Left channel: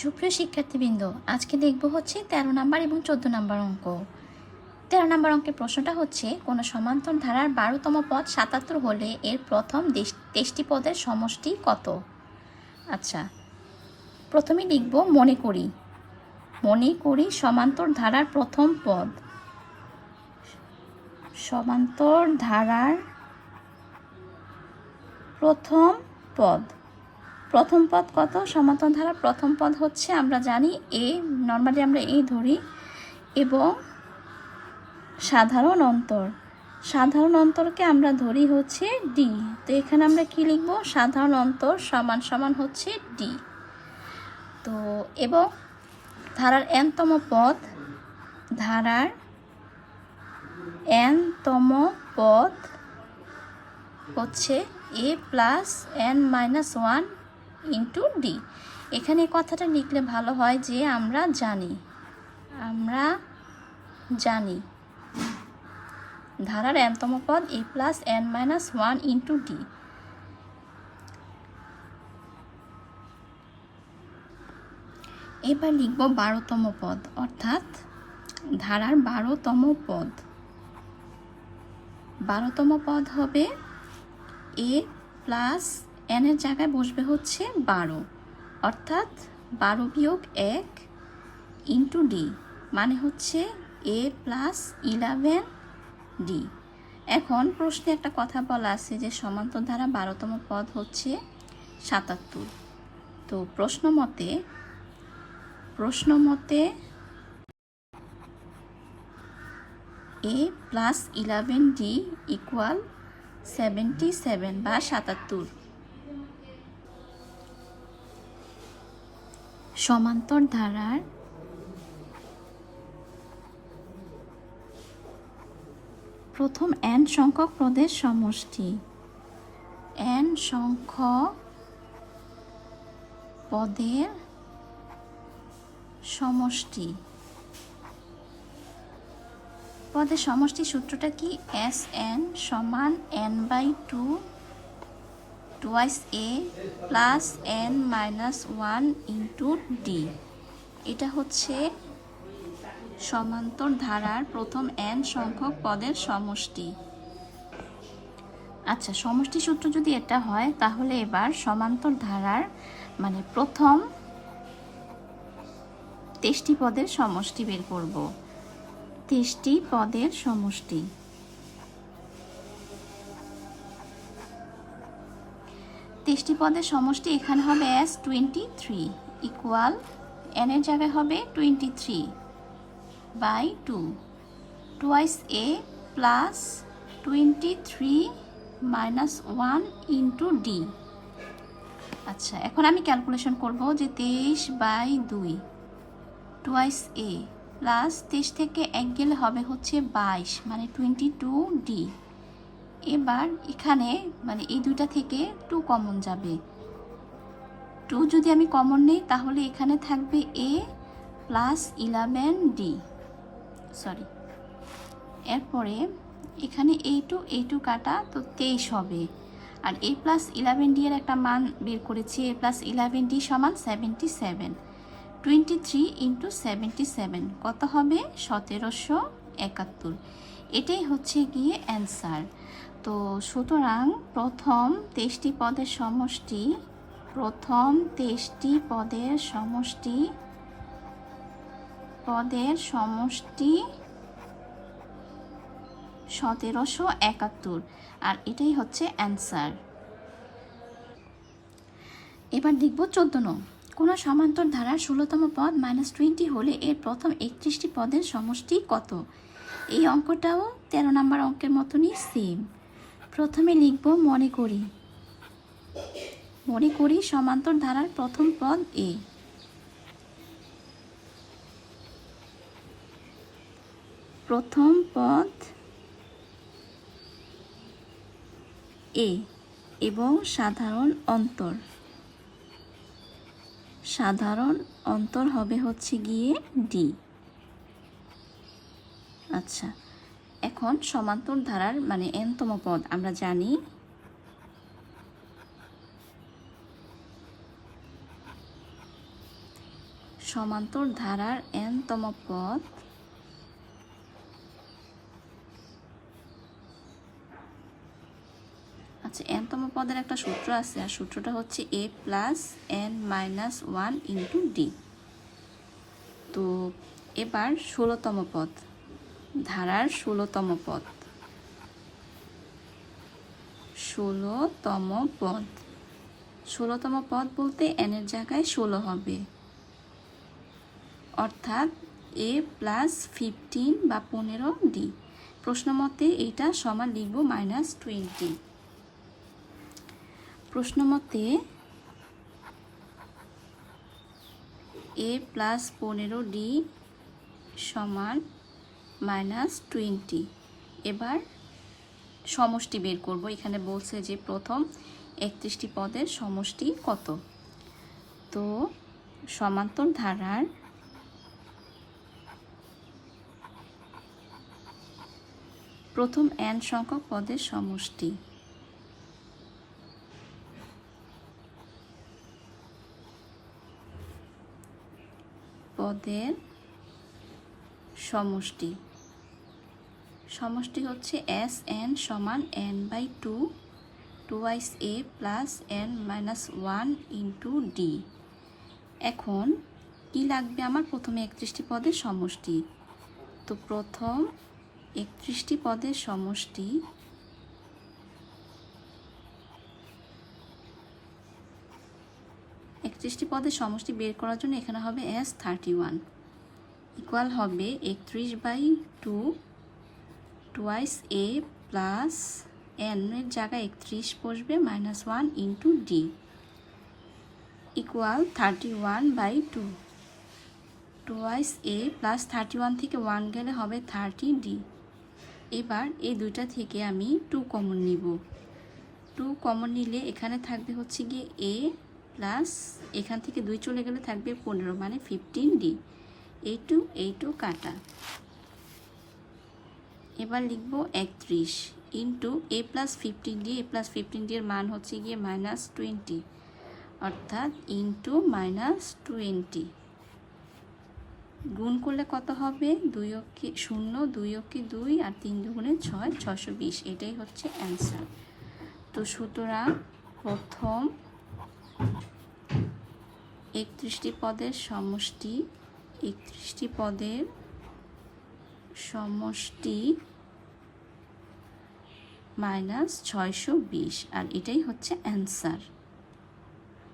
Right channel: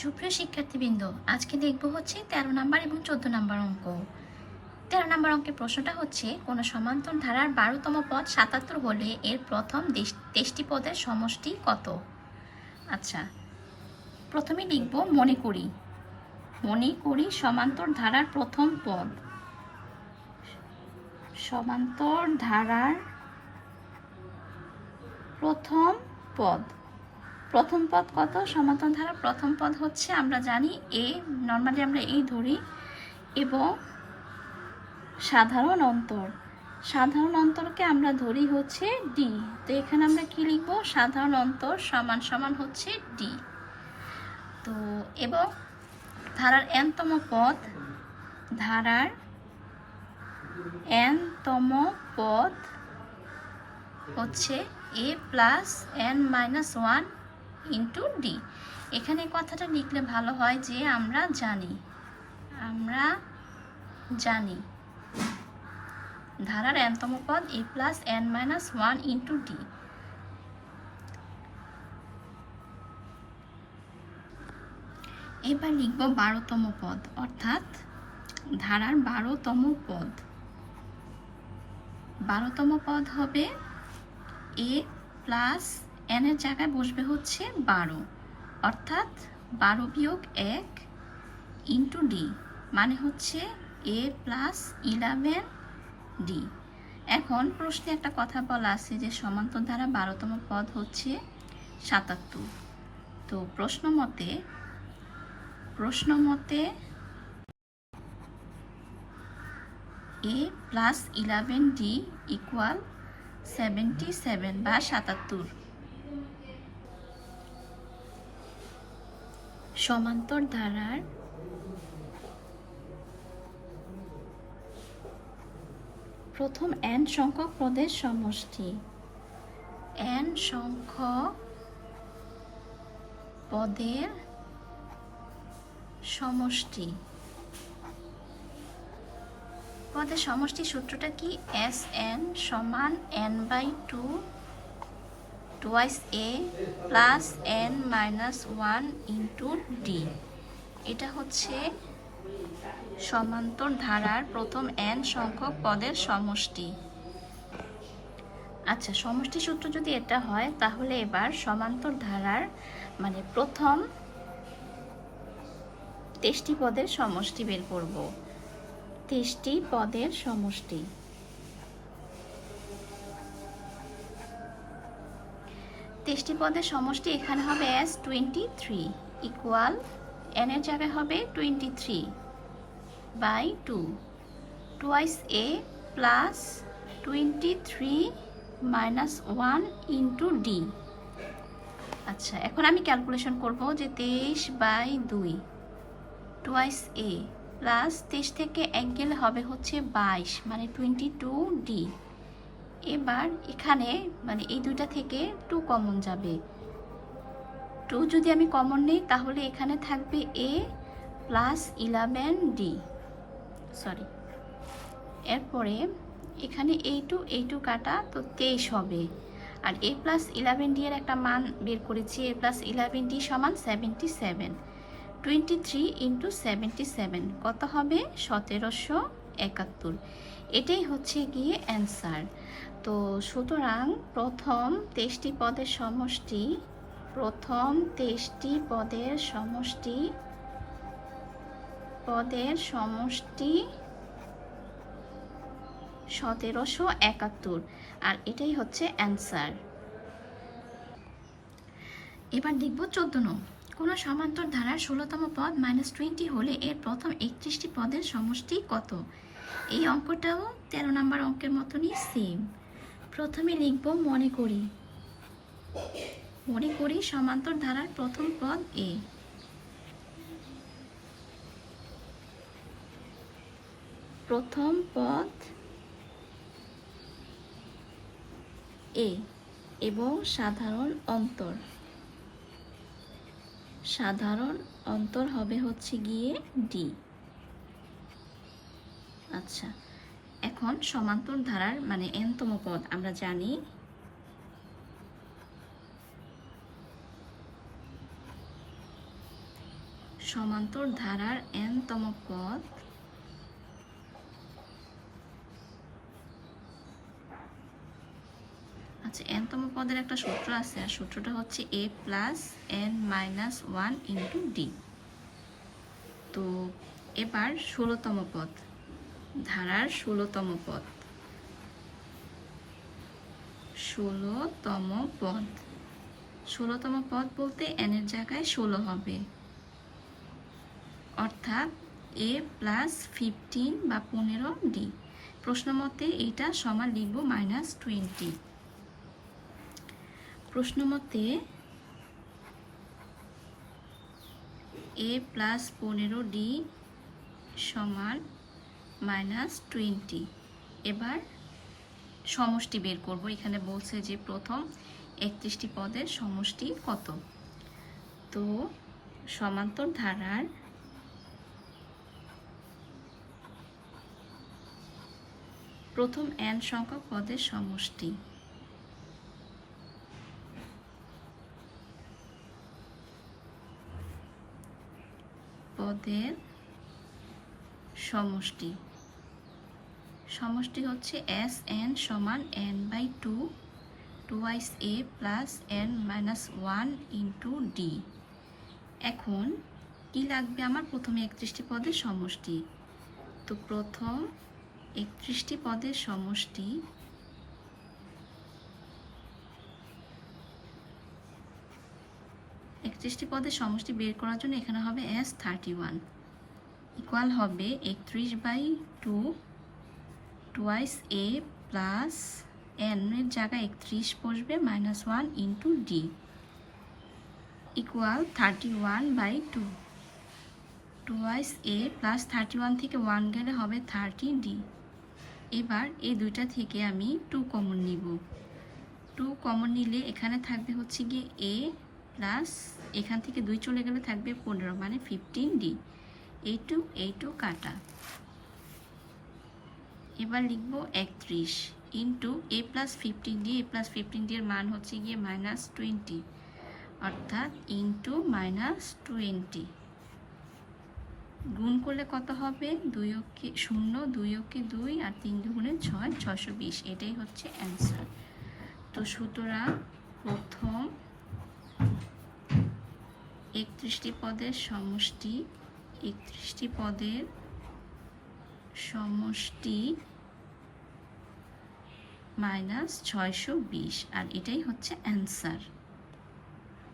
সুপ্রিয় শিক্ষার্থীবৃন্দ, আজকে দেখব হচ্ছে 13 নাম্বার এবং 14 নাম্বার অঙ্ক। 13 নাম্বার অঙ্কের প্রশ্নটা হচ্ছে, কোনো সমান্তর ধারার 12তম পদ 77 হলে এর প্রথম 23টি পদের সমষ্টি কত? আচ্ছা, প্রথমে লিখব মনে করি সমান্তর ধারার প্রথম পদ। সমান্তর ধারার প্রথম পদ কত? সমান্তর ধারার প্রথম পদ হচ্ছে, আমরা জানি এ, নর্মালি আমরা এ ধরি, এবং সাধারণ অন্তরকে আমরা ধরি হচ্ছে ডি। তো এখানে আমরা কি লিখব? সাধারণ অন্তর সমান সমান হচ্ছে ডি। তো এবং ধারার nতম পদ হচ্ছে a plus n minus 1 into D. এখানে কথাটা লিখলে ভালো হয় যে আমরা জানি ধারার nতম পদ a plus n minus 1 into D. এবার লিখব 12তম পদ, অর্থাৎ ধারার 12তম পদ। 12তম পদ হবে a প্লাস n এর জায়গায় বসবে হচ্ছে 12, অর্থাৎ 12 বিয়োগ 1 ইন্টু ডি, মানে হচ্ছে a প্লাস 11 ডি। এখন প্রশ্নে একটা কথা বলা আছে যে সমান্তর ধারা 12তম পদ হচ্ছে 77। তো প্রশ্ন মতে a প্লাস 11 ডি ইকুয়াল 77 বা 77। সমান্তর ধারার প্রথম n সংখ্যক পদের সমষ্টি। n সংখ্যক পদের সমষ্টি। সূত্রটা কি? Sn সমান n/2 twice a plus n minus 1 into D. এটা হচ্ছে সমান্তর ধারার প্রথম n সংখ্যক পদের সমষ্টি। আচ্ছা, সমষ্টি সূত্র যদি এটা হয়, তাহলে এবার সমান্তর ধারার মানে প্রথম 23টি পদের সমষ্টি বের করব। 23টি পদের সমষ্টি। 23টি পদের সমষ্টি এখানে হবে S23 ইকুয়াল n এর জায়গায় হবে 23/2 twice a plus 23 minus 1 into D. আচ্ছা, এখন আমি ক্যালকুলেশন করব যে 23/2 টুয়াইস a প্লাস 23 থেকে 1 গেলে হবে হচ্ছে 22, মানে 22 ডি। এবার এখানে মানে এই দুইটা থেকে 2 কমন যাবে। 2 যদি আমি কমন নেই, তাহলে এখানে থাকবে a প্লাস 11 ডি, সরি। এরপরে এখানে এই টু কাটা, তো 23 হবে। আর a প্লাস 11 ডি এর একটা মান বের করেছি, a প্লাস 11 ডি সমান 77। 23 ইন্টু 77 কত হবে? 1771। এটাই হচ্ছে গিয়ে অ্যান্সার। তো সুতরাং প্রথম 23টি পদের সমষ্টি 1771, আর এটাই হচ্ছে অ্যান্সার। এবার দেখব 14 নং। কোনো সমান্তর ধারার 16তম পদ -20 হলে এর প্রথম 31টি পদের সমষ্টি কত? এই অঙ্কটাও 13 নাম্বার অঙ্কের মতনই সেম। প্রথমে লিখব মনে করি সমান্তর ধারার প্রথম পদ a। প্রথম পদ a এবং সাধারণ অন্তর হবে হচ্ছে গিয়ে ডি। আচ্ছা, এখন সমান্তর ধারার মানে nতম পদ আমরা জানি সমান্তর ধারার n-তম পদ আচ্ছা, n-তম পদের একটা সূত্র আছে, আর সূত্রটা হচ্ছে a plus n minus 1 into D. তো এবার 16তম পদ, ধারার 16তম পদ, 16তম পদ 16তম পদ বলতে n এর জায়গায় 16 হবে, অর্থাৎ a প্লাস 15 বা 15 ডি। প্রশ্ন মতে এইটা সমান লিখব -20। প্রশ্ন মতে a প্লাস 15 ডি সমান -20। এবার সমষ্টি বের করব। এখানে বলছে যে প্রথম 31টি পদের সমষ্টি কত। তো সমান্তর ধারার প্রথম n সংখ্যক পদের সমষ্টি, পদের সমষ্টি সমষ্টি হচ্ছে Sn সমান n/2 2 a plus n minus 1 into D. এখন কি লাগবে আমার? প্রথমে 31টি পদের সমষ্টি। তো প্রথম 31টি পদের সমষ্টি বের করার জন্য এখানে হবে S31 ইকুয়াল হবে 31/2 2 a প্লাস n এর জায়গায় 31 বসবে -1 into D equal 31/2 2 a plus 31 থেকে 1 গেলে হবে 30 ডি। এবার এই দুইটা থেকে আমি 2 কমন নিব। 2 কমন নিলে এখানে থাকবে হচ্ছে গিয়ে a প্লাস এখান থেকে 2 চলে গেলে থাকবে 15 মানে 15 ডি। a2 কাটা। এবার লিখব 31 into a plus 15 D. a plus 15 D এর মান হচ্ছে গিয়ে -20, অর্থাৎ ইন্টু -20। গুণ করলে কত হবে? 2 অক্ষে 0, 2 অক্ষে 2 আর 3 দুগুণে 6, 620। এটাই হচ্ছে অ্যান্সার। তো সুতরাং প্রথম 31টি পদের সমষ্টি, 31টি পদের সমষ্টি -620, আর এটাই হচ্ছে অ্যান্সার।